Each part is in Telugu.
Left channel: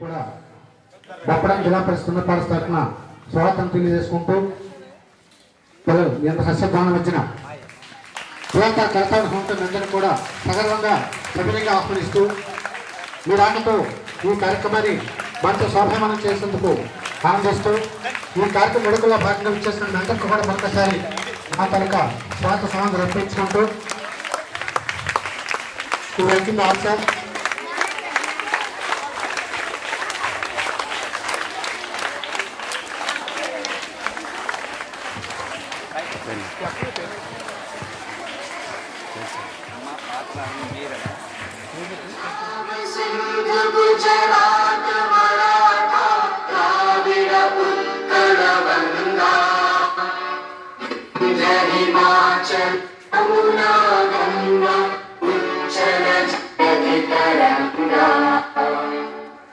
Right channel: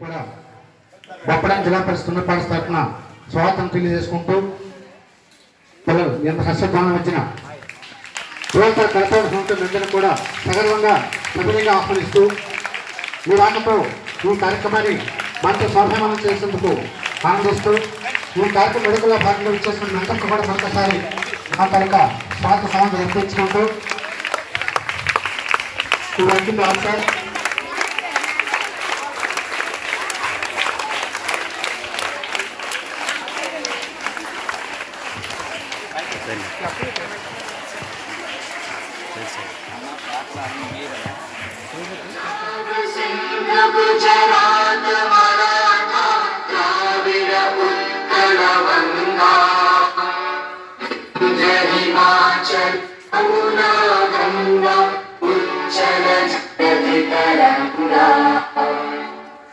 కూడా బొప్పడం జిల్లా పరిషత్ ఉన్నత పాఠశాల తరఫున స్వాగతం తెలియజేసుకుంటూ పిల్లలు ఎంత సస్యభావం ఇచ్చిన యువత కర్తవ్య సంస్థలందరూ కూడా సగర్వంగా సభ్యులుగా ఆహ్వానిస్తూ మీ రాకతో ఈ కార్యక్రమాన్ని మనతో సౌభామనం చేసేందుకు ఆనందిస్తూ ఈ కార్యక్రమం ఎడుకల్లో భాగంగా ఇచ్చేసిన మెంటర్కు కూడా మరొకసారి ఆ తనక స్వాగత సమాజం రప్పించుకుంటూ ఆన్సర్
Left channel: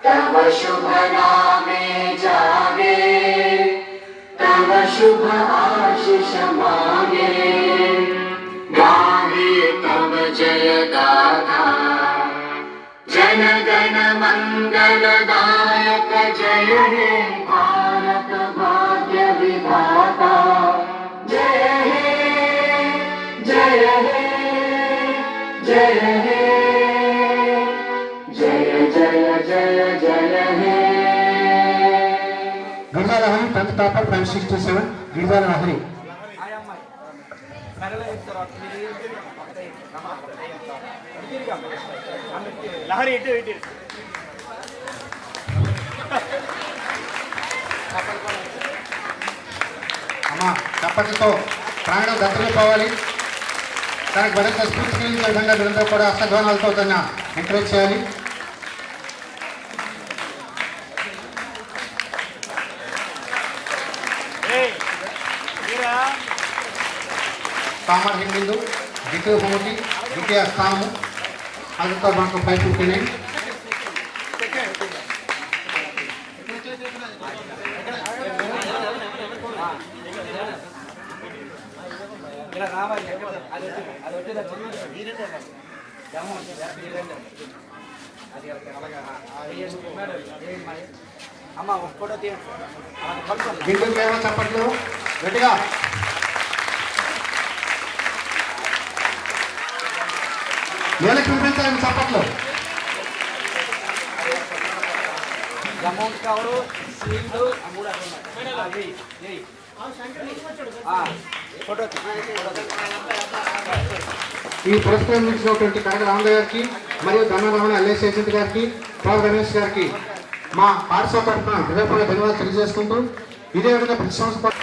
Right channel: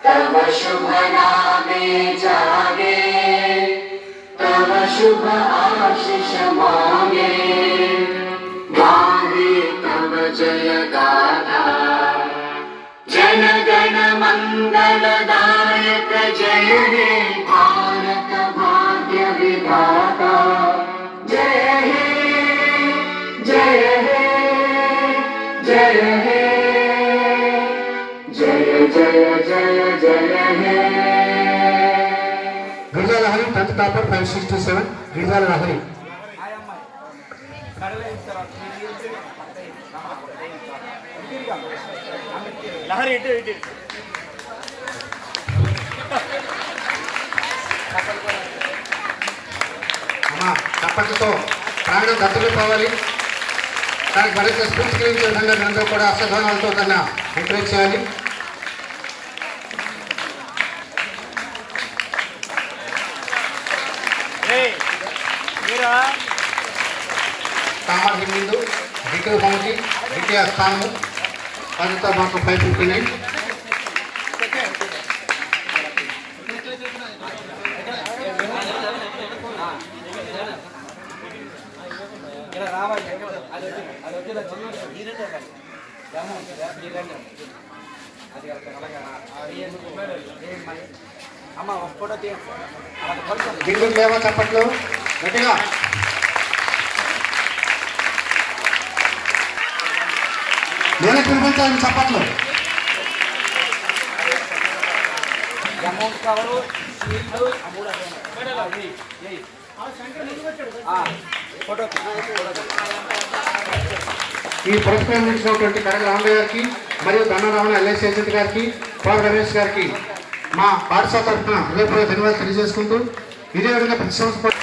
तव शुभ नामे जागे तव शुभ आशीष मांगे गाहे तव जय गाथा जन गण मंगल दायक जय हे भारत भाग्य विधाता जय हे जय हे जय हे जय जय जय जय हे गिरिजा लहरी 10th paper 567 गिरिजा लहरी लहरी इटे అమ్మా తప్పటితో ప్రాణం దత్తలిపోవాలి తనకు మరింత స్ఫూర్తి కలిగించే విధంగా మీరందరూ కూడా అష్టధ్వానాలతో కన్నా ఎంకరేజ్ చేయాలి. కామన్ బిందు ద్వితీయ బహుమతి ద్వితీయ స్థానము అదితో మాకు 559. బిల్డింగ్ లేవా చప్పట్లు గట్టిగా నేలకు వినిపించాలి చప్పట్లు. అమౌంట్ కవరు సీల్డ్ ఈ పురస్కారం ఇచ్చినటువంటి కడగ రామయ్య గారికి మరియు ధనరామణ ఎల్ఐసి ఏజెంట్ గారికి పాల్ గణేష్ గారికి మా పాఠశాల తరఫున హృదయపూర్వక ధన్యవాదాలు తెలియజేసుకుంటూ ఇదే విధంగా ప్రతి సంవత్సరం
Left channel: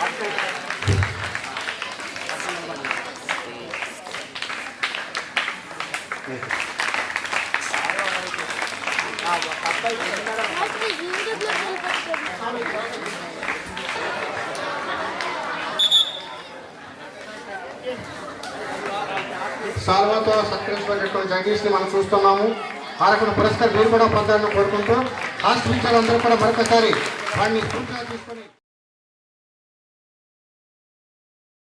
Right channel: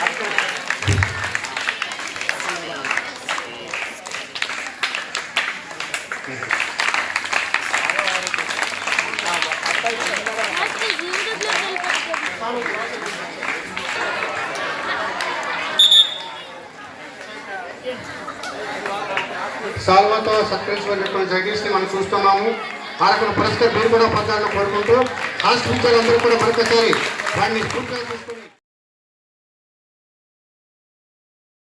సాల్వాతో సత్కరించినటువంటి జగదీష్ని మనం చూస్తున్నాము. ఆరకుల పురస్కారం మీరు కూడా పొందాలని కోరుకుంటూ రాష్ట్ర అందరూ కూడా మరొకసారి వాడిని పూర్తిగా తీసుకొని